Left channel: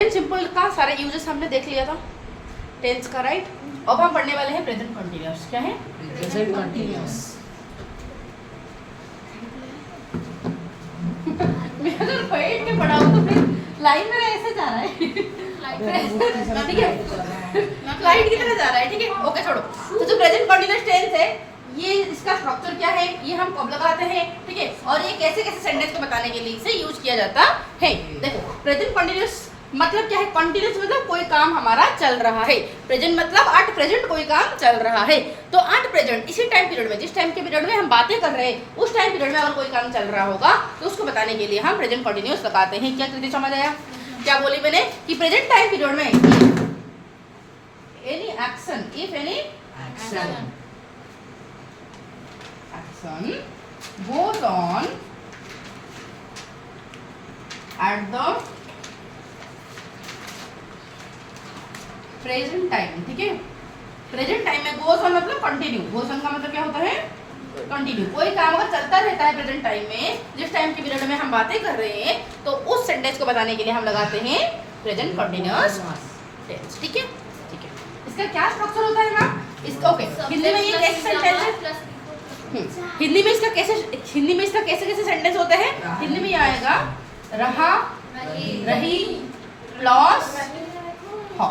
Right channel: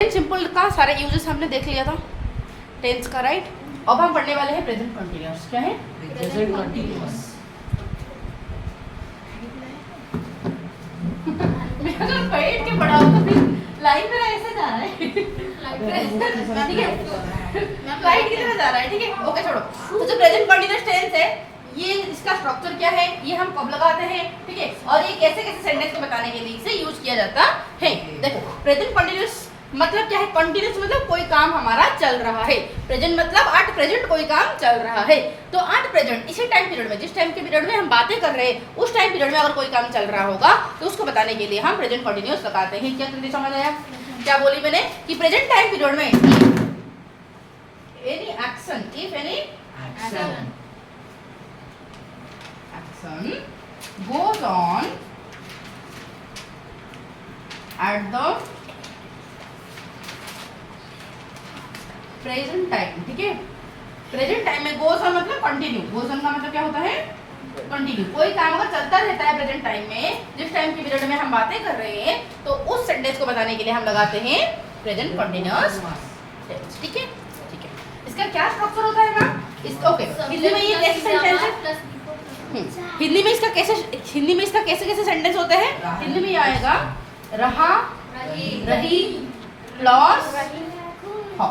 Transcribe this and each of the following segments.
Simple का सारे uses हमने देख लिया था टेंस का, राइट। अब हम पढ़ने वाले हैं प्रेजेंट कंटीन्यूअस। क्या है? Present continuous. मैं अगर बैठ के पढ़ाऊं तो फिर लाइन मेरा ऐसे जा रहा है। ठीक है, स्लाइड की तरह जा रहा है। ठीक है, ओके छोड़ो। तो जो प्रेजेंट कंटीन्यूअस टेंस है, ये इसका स्ट्रक्चर क्या है, ये हम कब लगाते हैं, ठीक है, और ये कैसे कैसे सेंटेंस को बताने के लिए इसे यूज किया जाता है। देखो, प्रेजेंट कंटीन्यूअस मतलब क्या है? कंटीन्यूअस मतलब कोई काम हमारा चल रहा है। प्रेजेंट मतलब एट प्रेजेंट कोई काम चल रहा है। तो एट प्रेजेंट इसी टाइम पीरियड में, जिस टाइम के पीरियड में हम बातें कर रहे हैं, उस टाइम पीरियड में अगर कोई काम चल रहा होगा तो उसको बताने के लिए हम प्रेजेंट कंटीन्यूअस लगाते हैं। क्या तुझे समझ आया? क्या बोली मैंने कि प्रेजेंट टाइम पीरियड में any action, if any action goes on at the present time, ठीक है। प्रेजेंट टाइम में गोस ऑन मतलब कंटिन्यू। गोस ऑन का मतलब क्या होता है? कंटिन्यू। कोई काम अगर चलता रहता है प्रेजेंट टाइम में, जिस टाइम की पीरियड में हम बातें कर रहे हैं, तो उस सेंटेंस को बताने के लिए हम लगाते हैं प्रेजेंट कंटीन्यूअस टेंस। ठीक है, ठीक है। इसका क्या स्ट्रक्चर होता है मैम? इसका ओके, हिंदी में ये कैसे सेंटेंस है? हिंदी में इसका कैसे कैसे सेंटेंस होते हैं? हिंदी में ये आएगा रहा, रही प्लस हो।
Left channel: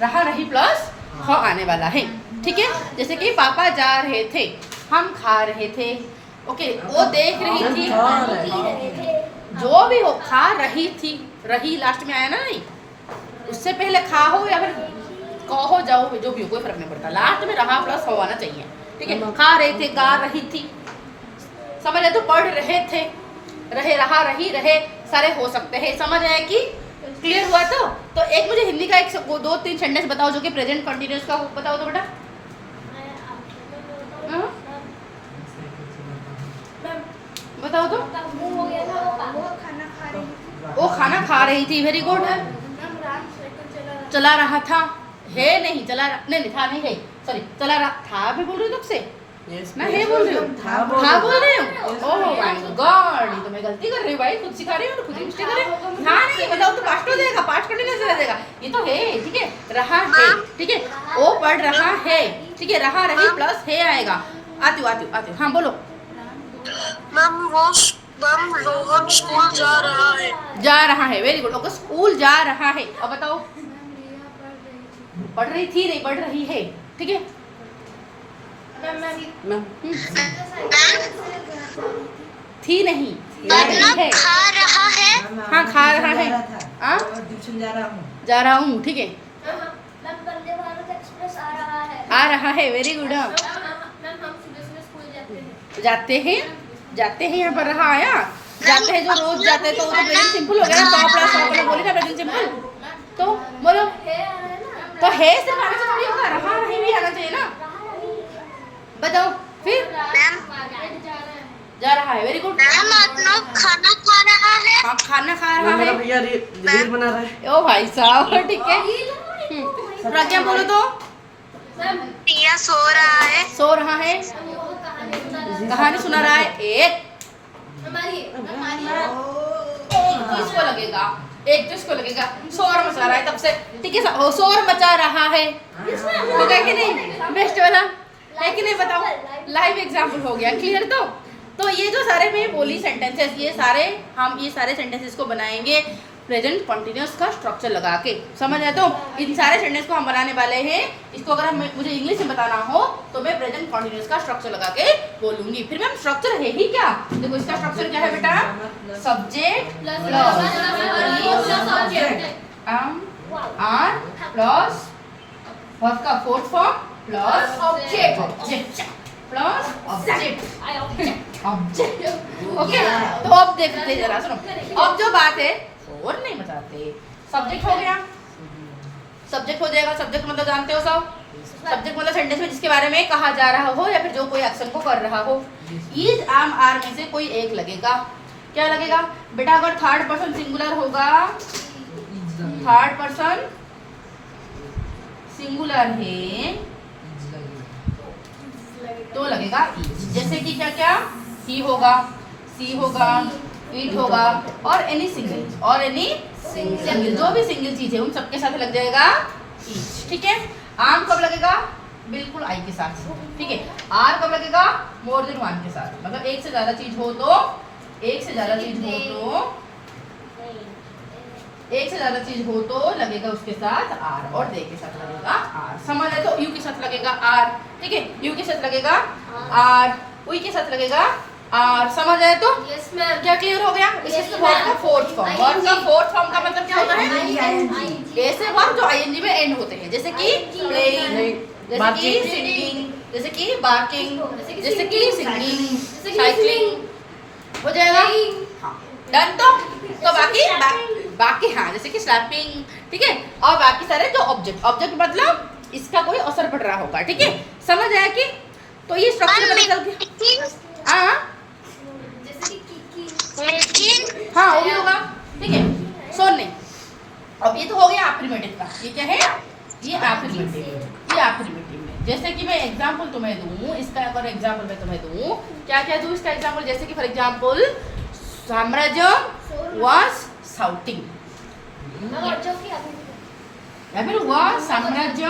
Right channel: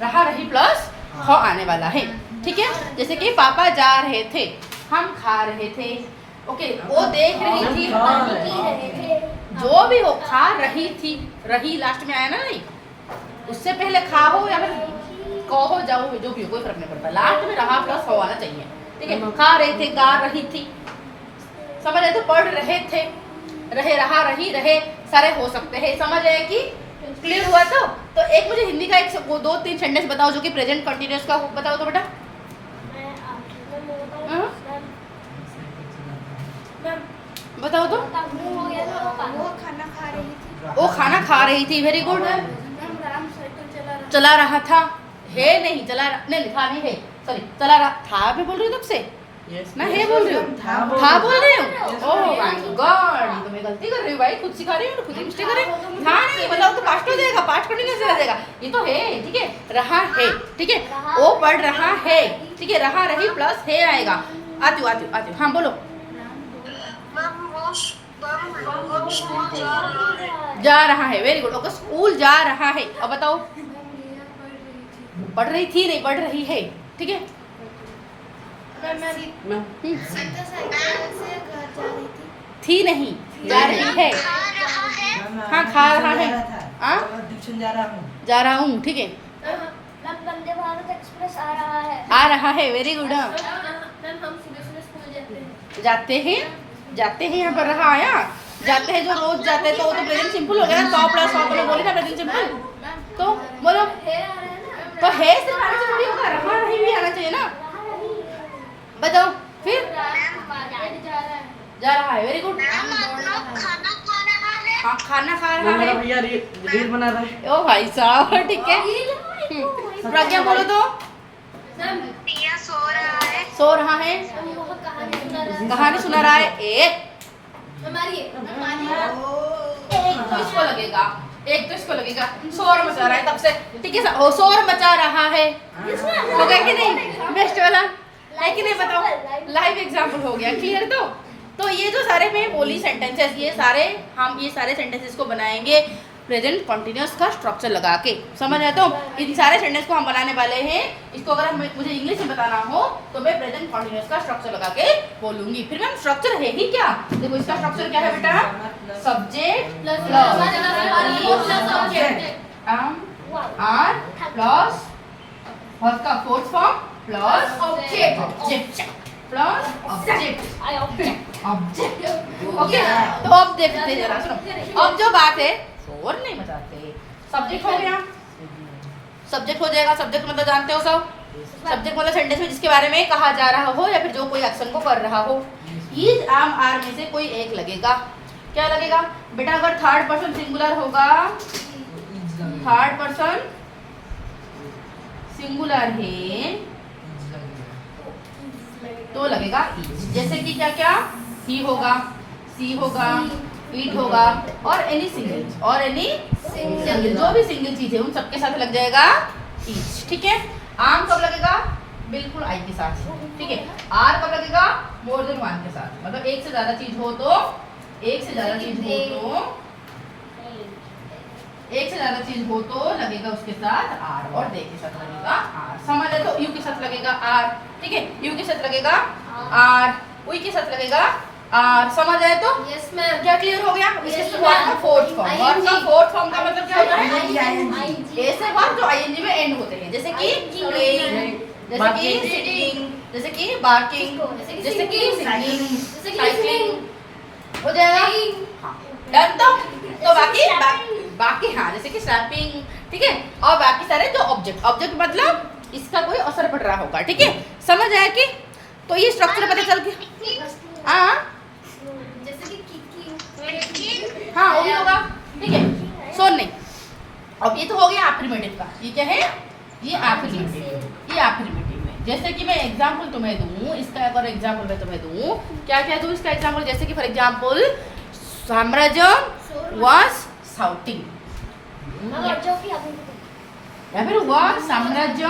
रहा, रही प्लस हो आने वाला है। ठीक है, जैसे कि पापा जा रहे थे, हम खा रहे थे, ओके, वो देख रही थी, जो भी हो, खा रही थी, रही लास्ट में आया ना, नहीं उससे पहले खा हो या फिर कहो जाओ, जो भी हो कोई फर्क नहीं पड़ता, लास्ट में रहा प्लस हो आना चाहिए। ठीक है, खा रहे थे, गा रही थी, समझ आए? तो पढ़ रहे थे, रहे, रहा, रही, रहे सारे हो सकते हैं। समझ आए कि क्लियर हुआ? तो एक मुझे हिंदी का एक दो तीन सेंटेंस बताओ जो कि प्रेजेंट कंटीन्यूअस का हो। बताओ तो बेटा। बताओ तो। वो खाना खा रही थी, वेरी गुड। चला रहा था, है नहीं, चला नहीं था, नहीं है, सॉरी, चला रहा था। मैं बोल रही हूँ तब से ना, है बोल रही हूँ, था बोल रही हूँ। ओह माय गॉड, ये तो मैं गलती कर रही हूँ भाई, खुद सिखा रही हूँ, खुद मिस्टेक कर रही हूँ। हाँ नहीं, बताओ तो पास्ट हो जाएगा, पास्ट कंटीन्यूअस हो जाएगा। ये तो है, ठीक है, रहा है, ठीक है, वो पढ़ रहा है, ठीक है, रहा, रही प्लस है आएगा। आती हूँ, हाँ बोलो। वो स्कूल जा रहा है, वेरी गुड, ओके, स्कूल जा रहा है। अब बताओ, पढ़ रही थी, नहीं पढ़ रही है, ठीक है। थी नहीं, जा रही है, हाँ खा रहा है, हाँ जा रहा हूँ, ठीक है, वंदे भारत एक्सप्रेस आ रहा है, वेरी गुड। जाते हैं यहाँ पर रहा आया, जाते हैं जो रोज जाते हैं, तो वो तो प्रेजेंट सिंपल हो गया ना, तो प्लस हो बोली ना प्रेजेंट सिंपल। तो बोलो, तो है सिर्फ आना चाहिए, थोड़ी होगा, रहा नहीं भी आना चाहिए ना। बताओ फिर। जा रहा है, वेरी गुड। खाना खा रहा है। हाँ खाना खा रहा है, भैया रील बना रहा है। ओ भाई साहब, ठीक है। प्रज्ञा बोलो तो। पिया सो रहा है। सो रहा है, कहानी सुना रहा है। एक तो इसको लगेगा, एक तो इसको लगेगा, शोर मचा रहा है तब से, ठीक है, शोर मचा रहा है, हो गया कि नहीं? बेस्ट वाला है कि नहीं? बताओ, लाइव एग्जाम्पल हो गया, क्लियर? तो ये जो सारे मैं बोली सेंटेंसेस, ये सारे सेंटेंसेस को बनाएंगे प्रेजेंट कंटीन्यूअस का स्ट्रक्चर लगा के। समझ आया? तो इन सारे सेंटेंस को हम बनाने वाले हैं। इसको अगर मुझे इंग्लिश में बताना हो तो मैं प्रेजेंट कंटीन्यूअस का स्ट्रक्चर लगा के बोलूंगी। फिर मैम स्ट्रक्चर है ही क्या? देखो इसका स्ट्रक्चर क्या है बेटा? Subject plus are plus verb का fourth form plus object plus object. Okay, तो अब देखते हैं जरा, सुनो। अब जो बात है, शोर नहीं मचाते, सब्जेक्ट हो गया, सब्जेक्ट हो जाएगा। सब्जेक्ट मतलब जानते हो सब, सब्जेक्ट मतलब सेंटेंस में जिसके बारे में कहा जा रहा हो या फिर जो कोई एक्शन को कर रहा हो। इज, आम, आर में से कोई एक लगेगा। क्या लगेगा बेटा? अगर थर्ड पर्सन सिंगुलर होगा, थर्ड पर्सन सिंगुलर है तो लगेगा इज। जैसे कि क्या क्या? ही होगा, सी होगा, ईट होगा, और एनी सिंगल, और एनी सिंगल, जो भी सिंगल चीज है उन सबके साथ लग जाएगा ईच। ठीक है, आम कब लगेगा? बिल्कुल आई के साथ। ठीक है, आर कब लगेगा? मोर देन वन के साथ, मतलब एक से ज्यादा चीज हो तो, एक से ज्यादा चीज हो तो लगेगा उसके साथ आर, और दे के साथ लगेगा आर। समझ है? तो यू के साथ लगेगा आर। ठीक है, यू के साथ लगेगा आर, उई के साथ लगेगा आर। समझ आए? तो यस मैम। क्या क्लियर हो गया? इसके वर्ड का फोर्थ फॉर्म, वर्ड का फोर्थ फॉर्म का मतलब क्या होता है? ऐसे वर्ड जो आईएनजी में एंड होते हैं, जैसे कि प्लेइंग, जैसे कि सिटिंग, जैसे कि बार्किंग, जैसे कि सिंगिंग, साइक्लिंग, हो जाएगा। डन। तो बाकी हाँ, जैसे कि स्लैपिंग, ठीक है, और बाकी सारे जो ऑब्जेक्ट मतलब इसका कोई असर पड़ रहा होगा। ठीक है, समझ आया कि? तो ये स्ट्रक्चर पता चल गया। हाँ जैसे कि हाँ, वो भी होगा। ठीक है, सुन नहीं, अब ये तो हो गया एफर्मेटिव का। ये क्या है? ये एफर्मेटिव में, जैसे कि मैं एग्जांपल तुम्हें दूं, इसका अगर एग्जांपल मैं तुम्हें दूं, क्या क्या दूं इसका एग्जांपल? जैसे कि फॉर एग्जांपल साम्राज्य वाज शाउटिंग, या फिर वह साम्राज्य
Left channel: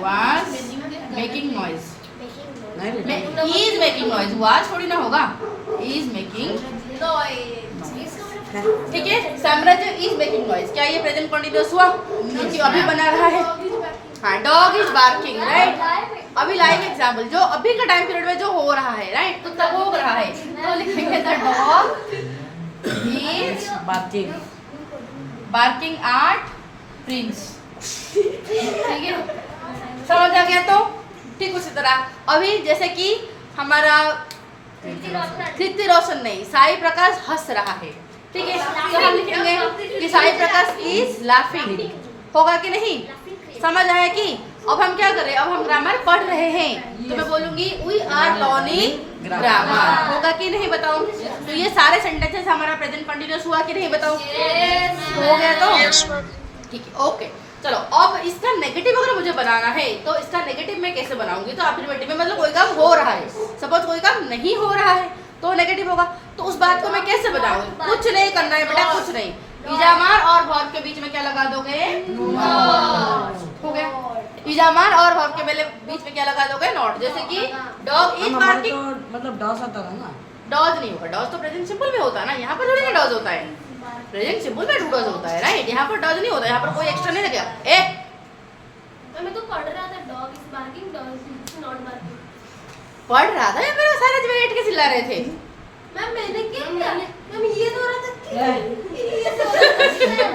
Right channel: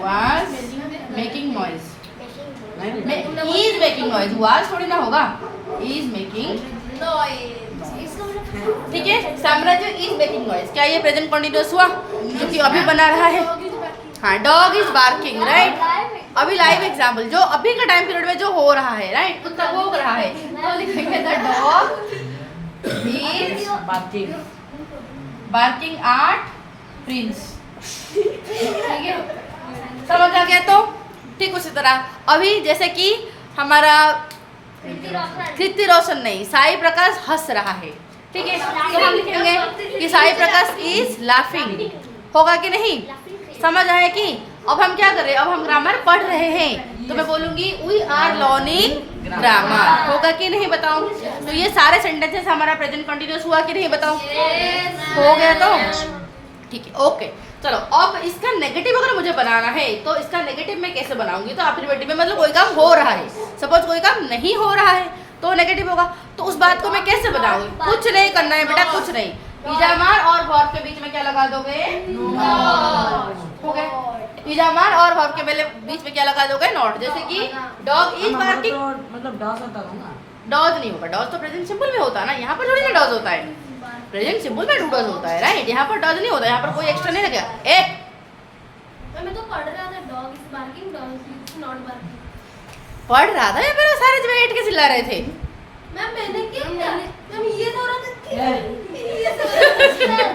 was making noise, is making noise, was थोड़ी ना होगा, is making ठीक है। साम्राज्य is making noise, क्या ये प्रेजेंट कंटीन्यूअस हुआ? क्योंकि अभी बना रहा है। हाँ, डॉग इज बार्किंग, राइट। अभी लाइव एग्जांपल जो अभी का टाइम पीरियड में जो हो रहा है, राइट, कुत्ता भौंक रहा है, तो लिखेंगे the dog is barking at Prince. ठीक है, समझ आ गया? तो ठीक उसी तरह अभी जैसे कि हमारा कृति रोशन नहीं, साई प्रकाश हंस रहा है। ठीक है, तो हम लिखेंगे कि साई प्रकाश इज लाफिंग, होगा कि नहीं? समझ आया कि? अब हम क्या कर रहे हैं? अब हम ग्रामर पढ़ रहे हैं, तो मैं बोलूंगी वी आर लर्निंग ग्रामर, होगा कि नहीं? बताओ। तो ये सारे सेंटेंसेस हमारा प्रेजेंट कंटीन्यूअस हुआ कि नहीं? बताओ। हो गया? तो ठीक है, ओके। चलो, अब इसका नेगेटिव अगर मुझे बनाना है तो इसका नेगेटिव मैं कैसे बनाऊंगी? तो एफर्मेटिव में मतलब कोई काम हो रहा है, सपोज कोई काम नहीं हो रहा है तो नेगेटिव होगा। तो उस बात को मैं कैसे बनाऊंगी? कुछ नहीं करना है बेटा, कुछ नहीं। इजामार और वर्ब के बीच में क्या लगा दोगे? हो गया। इजामार और वर्ब के बीच में क्या लगा दोगे? नॉट। जैसे कि डॉग इज बार्किंग, मतलब डॉज होता है ना? डॉज नहीं होगा, डॉज तो प्रेजेंट सिंपल में होता है ना, यहाँ पर थोड़ी ना डॉज होता है, प्रेजेंट सिंपल में डॉज होता है, राइट। यहाँ पर डॉज नहीं होता, यहाँ पर कोई एक्स्ट्रा नहीं लगेगा। एक मैं तो पढ़ रहा था, dog is barking, dog is not barking पढ़ रहा था या फिर सारे जगह बैठ के चिल्ला रहे थे? मैम मैंने क्या किया? मैम ये तो रहा था कि ये तो मैंने किया।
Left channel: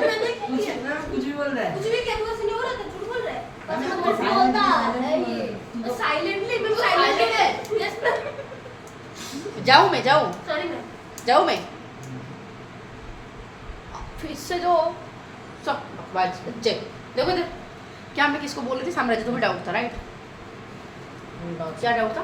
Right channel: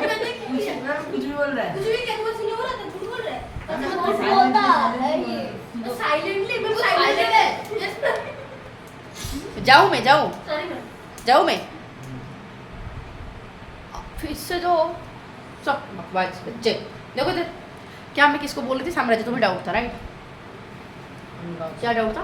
कुछ भी बोल रहा है। कुछ भी क्या हुआ? सुनो रहा था, झूठ बोल रहा है। अच्छा वो बोलता है ये तो साइलेंटली, मैं साइलेंट है। Yes ma'am. जाऊँ मैं? जाऊँ? Sorry ma'am. जाऊँ मैं? फिर से जो सब बकवास बच्चे। देखो इधर, क्या मैं किसको बोल रही थी? साम्राज्य। तुम्हें डाउट था, राइट? क्या डाउट था?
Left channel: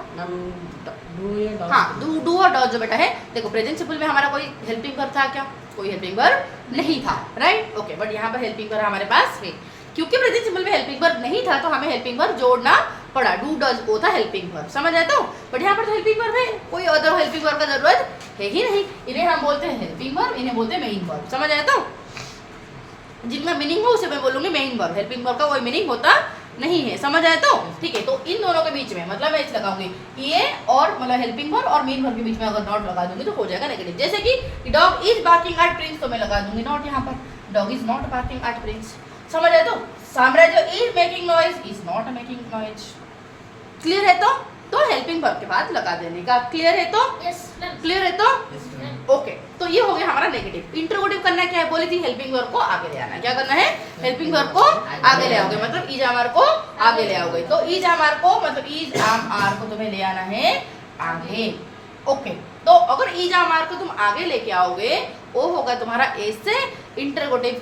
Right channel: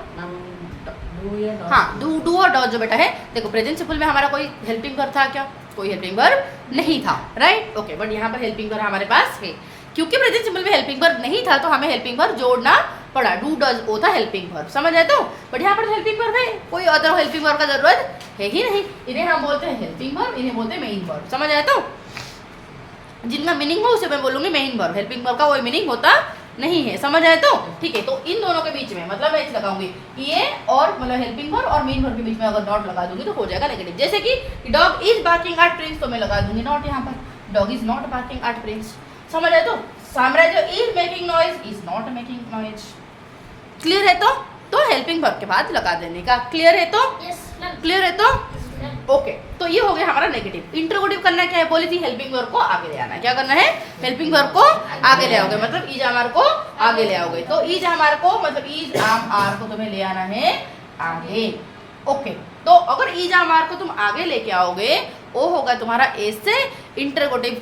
हाँ, डू और डॉज जो बेटा है, देखो प्रेजेंट सिंपल में हमारा कोई हेल्पिंग वर्ब था क्या? कोई हेल्पिंग वर्ब नहीं था, राइट। ओके, बट यहाँ पर हेल्पिंग वर्ब हमारे पास है। क्योंकि प्रेजेंट सिंपल में हेल्पिंग वर्ब नहीं था तो हमें हेल्पिंग वर्ब जोड़ना पड़ा। डू डज वो था हेल्पिंग वर्ब, समझ आए? तो बट यहाँ पर तो हेल्पिंग वर्ब है, कोई अदर हेल्पिंग वर्ब का जरूरत है ही नहीं। इन्हें हम बोलते हैं हेल्पिंग वर्ब, इन्हें बोलते हैं मेन वर्ब, समझ आए? तो जिनका मीनिंग हो उसे मैं बोलूंगी मेन वर्ब, हेल्पिंग वर्ब का कोई मीनिंग होता नहीं है, समझ आए? तो ठीक है, तो इन दोनों के बीच में मतलब मैं लगाऊंगी ये और मतलब हेल्पिंग वर्ब और मेन वर्ब के बीच में अगर नॉट लगा दूंगी तो हो जाएगा नेगेटिव। जैसे कि dog is barking at Prince, तो मैं लगा दूंगी नॉट यहाँ पर, dog is not barking at Prince, समझ आए? तो साम्राज्य is making noise, is not making noise. Clear है? तो हेल्पिंग वर्ब के बाद लगा देने का। क्लियर है? तो यस मैम। क्लियर है? तो ओके, तो ये हो गया हमारा नेगेटिव। इंटरोगेटिव करना क्या है? बोली थी हेल्पिंग वर्ब को आगे ले आना। क्या करना है? हेल्पिंग वर्ब को आगे ले आओगे, मतलब इज आमार को आगे ले आओगे। तो इज आमार को मतलब इज आम आर को तुम्हें ले आना है आगे। ओके, तो अगर इज आमार को तुम आगे लेके आओगे वो होगा तुम्हारा ऐसे इंटरोगेटिव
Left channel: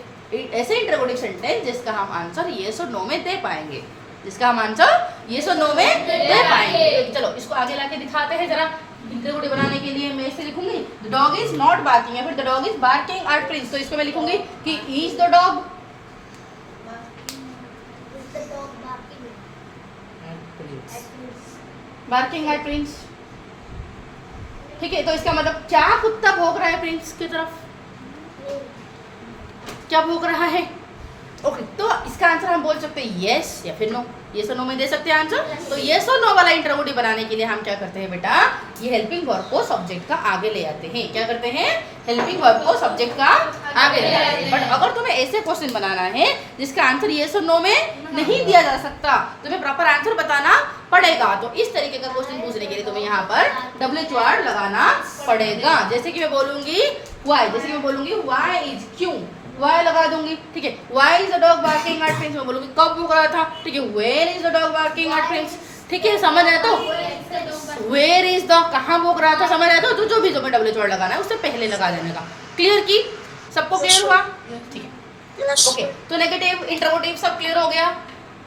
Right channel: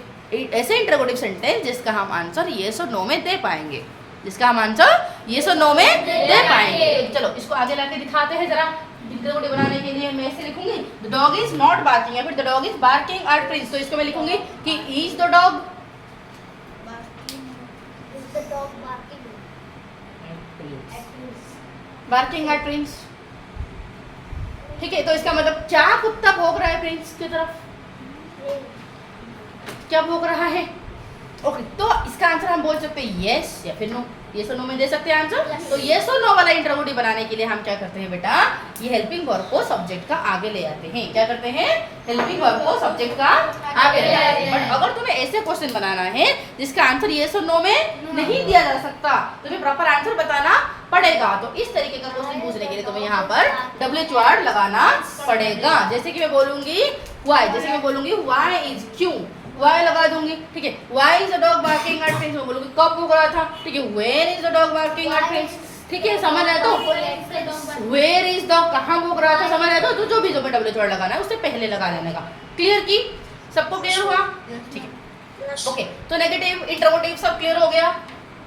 सेंटेंस जिसका हम आंसर येस और नो में दे पाएंगे, जिसका हम आंसर येस और नो में दे पाएंगे। चलो इसको आगे लाके दिखाते हैं जरा। इंटरोगेटिव बनाने के लिए मैं ऐसे लिखूंगी the dog is not barking, या फिर the dog is barking at Prince, तो इसको मैं लिखूंगी कि is the dog barking at Prince, ठीक है, तो इसका मतलब क्या कुत्ता भौंक रहा है प्रिंस की तरफ? क्या भौंक रहा है? ओके, तो इसका आंसर हम बोल सकते हैं यस या फिर नो। यस और नो में दे सकते हैं आंसर। तो यस और नो वाला इंटरोगेटिव बनाने के लिए हम क्या करते हैं बेटा, ये हेल्पिंग वर्ब को सब्जेक्ट का आगे ले आते हैं। क्या करते हैं? हेल्पिंग वर्ब को सब्जेक्ट का आगे ले आते हैं। बट अगर तुम्हें ऐसे क्वेश्चन बनाना है जिसका आंसर यस और नो में नहीं दिया जा सकता, तुम्हें प्रॉपर आंसर बताना पड़ेगा। तो इस तरीके का क्वेश्चन पूछने के लिए तुम्हें यहाँ पर WH वर्ड लगाना पड़ेगा। जैसे कि मैं बोलूंगी व्हाई, जैसे मैं बोलूंगी व्हाई इज, क्यों, व्हाई लगा दूंगी। ठीक है, why is the dog barking at Prince, मैं बोलूंगी कब भौंक रहा था। ठीक है, where is the dog barking at Prince. ठीक है, समझ आया? तो वेयर इज द, कहाँ भौंक रहा था, समझ आया? तो जो भी WH वर्ड लगाना है उससे पहले लगा देने का। क्लियर की? सबको क्लियर हुआ? ठीक है, ओके। तो नेगेटिव इंटरोगेटिव सब क्लियर हो गया।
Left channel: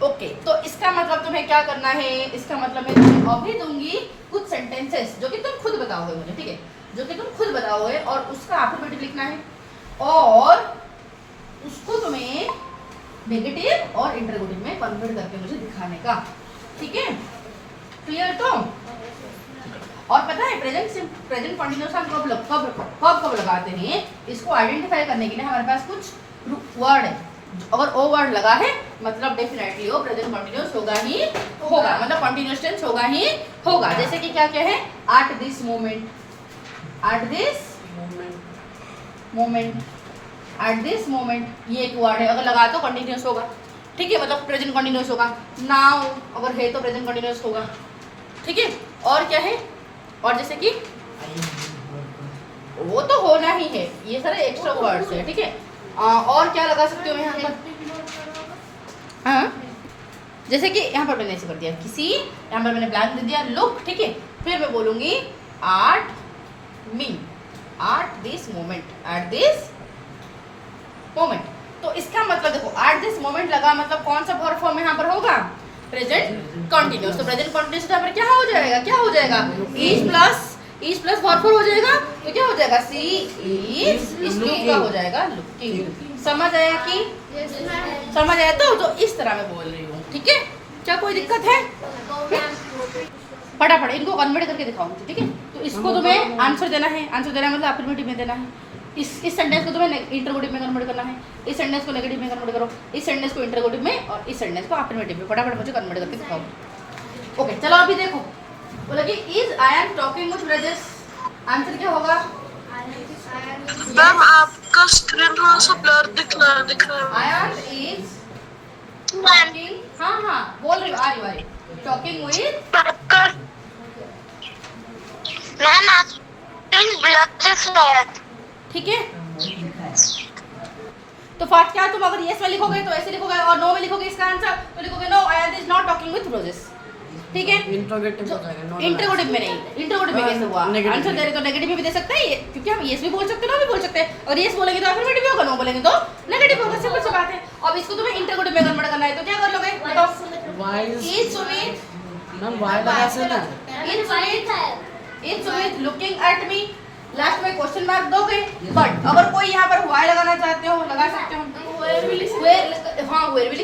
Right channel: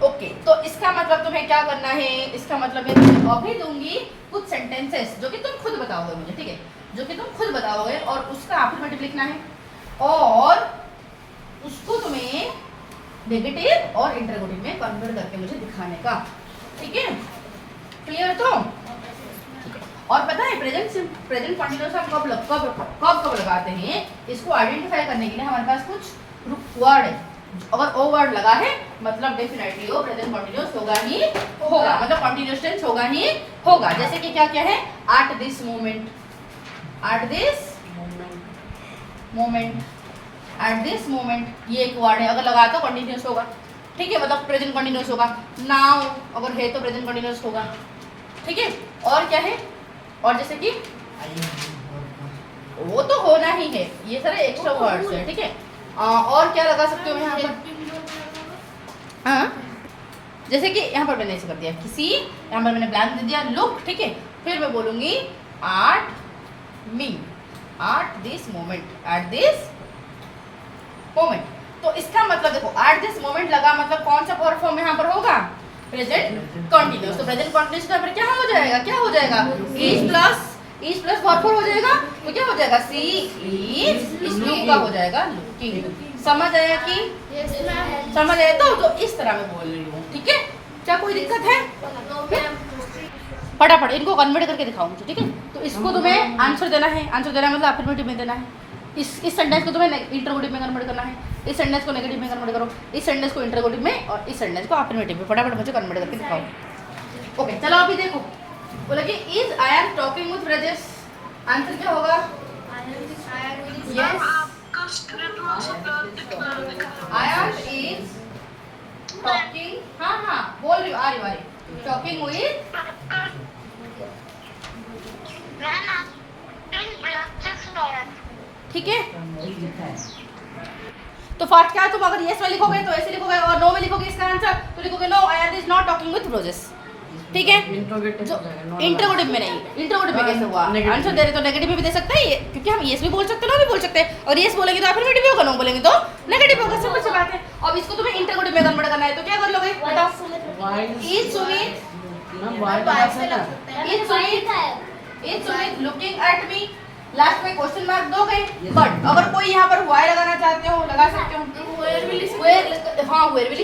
ओके, तो इसका मतलब तुम्हें क्या करना है, इसका मतलब मैं तुम्हें अभी दूंगी कुछ सेंटेंसेस जो कि तुम खुद बताओगे मुझे। ठीक है, जो कि तुम खुद बताओगे और उसका अफर्मेटिव लिखना है और उसको तुम्हें नेगेटिव और इंटरोगेटिव में कन्वर्ट करके मुझे दिखाने का। ठीक है, क्लियर? तो और पता है प्रेजेंट कंटीन्यूअस हम कब लगाते हैं, इसको आइडेंटिफाई करने के लिए हमारे पास कुछ वर्ड है। अगर ओ वर्ड लगा है मतलब डेफिनेटली वो प्रेजेंट कंटीन्यूअस होगा ही होगा, मतलब कंटीन्यूअस टेंस होगा ही होगा। जैसे कि क्या क्या है, at this moment, at this moment, at this moment, ये एक वर्ड है, अगर लगा तो कंटीन्यूअस होगा। ठीक है, मतलब प्रेजेंट कंटीन्यूअस होगा। नाउ अगर है तो प्रेजेंट कंटीन्यूअस होगा। ठीक है, और क्या है, और जैसे कि वो तो होना ही है, ये सारे एक्स्ट्रा वर्ड्स है। ठीक है, और क्या लगा सकते हो यहाँ पर? हाँ, जैसे कि यहाँ पर मैंने ऐसे कर दिया, किसी, यहाँ पर मैंने ब्लैंक दे दिया, लुक। ठीक है, फिर मैं बोलूंगी at me, at this moment, at this moment. तो इसका मतलब देखो, एट दिस मोमेंट लगा मतलब कौन सा वर्ब फॉर्म यहाँ पर होगा? Present continuous. तो प्रेजेंट कंटीन्यूअस यहाँ पर क्या हो जाएगा, क्या हो जाएगा? इज प्लस वर्ब फॉर्म हो जाएगा। तो क्या हो जाएगा? सी इज, इस लुक का हो जाएगा लुकिंग। समझ आया कि? समझ आया? तो इस तरह मैं बोल रही हूँ। ठीक है, क्या कोई दिक्कत है? फटाफट इनको कन्वर्ट करके दिखाऊंगी। ठीक है, तो इसको तुम्हें आंसर देना है, आंसर देना मतलब अफर्मेटिव में देना है। इस सेंटेंस को तुम्हें इंटरोगेटिव में कन्वर्ट करना है, इस सेंटेंस को नेगेटिव में कन्वर्ट करो, इस सेंटेंस को इंटरोगेटिव में और इस सेंटेंस को अफर्मेटिव में। फटाफट मुझे कन्वर्ट करके दिखाओ। ओके, चलो अभी देखो, बोला कि is ion talking with Brajesh, answer क्या होगा? मैम आपका स्क्रीन थोड़ा सा ब्लर दिख रहा है। आयन इज टॉकिंग, हाँ हाँ बोल रही हूँ, आ रही हूँ, टॉकिंग विद, मैम आप ब्लर दिख रहा है। ठीक है। तो फर्स्ट क्या, तुम अगर यस में लिखोगे तो ऐसे लिखोगे और नो में लिखोगे इसका आंसर तो लिखोगे no, Ayan is not talking with Brajesh. ठीक है, इंटरोगेटिव में नहीं, इंटरोगेटिव में कैसे हुआ? आंसर दे रहे तो नेगेटिव में भी दे सकते हैं, क्योंकि हम यस भी बोल सकते हैं, नो भी बोल सकते हैं। और यस बोलेंगे तो अफर्मेटिव होगा, नो बोलेंगे तो नेगेटिव होगा। सिंपल सी बात है। अब इसको तुम्हें इंटरोगेटिव में कन्वर्ट करना है तो क्या कर लोगे बताओ? Is Sumit looking at me, last में क्वेश्चन मार्क दोगे। बट अगर कोई यहाँ पर वाई लगाना चाहते हो, लगा सकते हो, वेयर भी लिख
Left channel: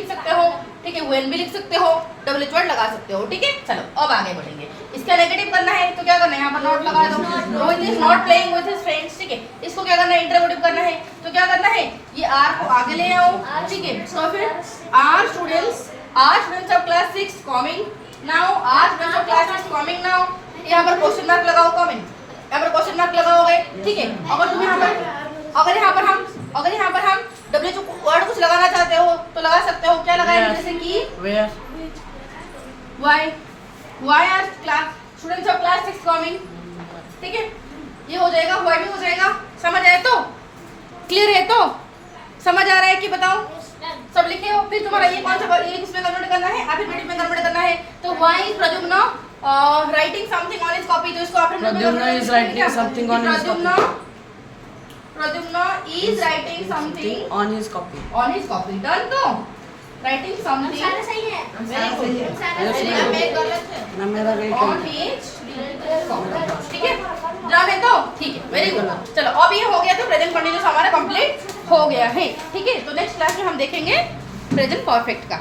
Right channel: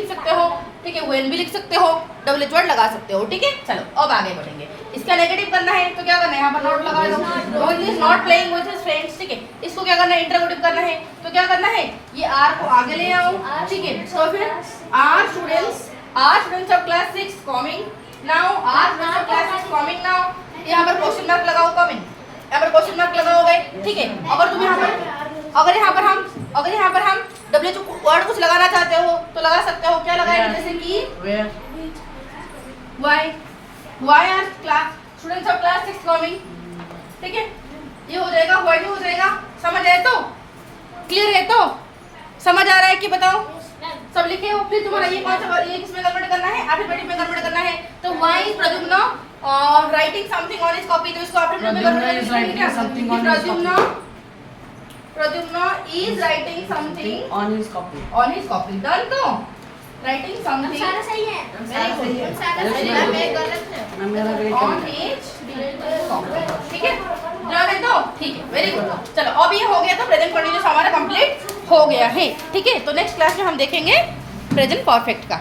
सकते हो। ठीक है, वेन भी लिख सकते हो, WH वर्ड लगा सकते हो। ठीक है, चलो अब आगे बढ़ेंगे। इसका नेगेटिव करना है तो क्या करना है, यहाँ पर नॉट लगा दो। Rohit is not playing with his friends. ठीक है, इसको क्या करना है, इंटरोगेटिव करना है तो क्या करना है, ये आर को आगे ले आओ। ठीक है, तो फिर are students of class 6 coming now, are students of class 6 coming now. यहाँ पर क्वेश्चन मार्क लगाओ, कमिंग, यहाँ पर क्वेश्चन मार्क लगाओगे। ठीक है, अगर तुम यहाँ पर हम WH वर्ड कुछ लगाना चाहते हो तो लगा सकते हो। क्या लगाएंगे, जैसे कि why are students of class 6 coming। ठीक है, ये हो जाएगा, why भी हो जाएगा। समझ आया? तो क्लियर है? तो समझ आ रहा है कि बताओ? सब लिखे हो? फिर तुम्हारा ये कौन सा, ये किसमें कन्वर्ट करना है, अफर्मेटिव में कन्वर्ट करना है। तो why is Pradyumna writing something on his copy, तो इसको अफर्मेटिव में कन्वर्ट करना है। Pradyumna is writing something on his copy. On his copy. Done. तो राइटिंग समथिंग सारा सही है। मेरा वेट ऑन हिज कॉपी। ठीक है, डन है? तो ठीक है, वेरी गुड। चलो अब ये हो गया, तो प्रेजेंट कंटीन्यूअस हमारा कंप्लीट हो गया है। ठीक है, तो नेक्स्ट क्लास में हम देखेंगे प्रेजेंट परफेक्ट का।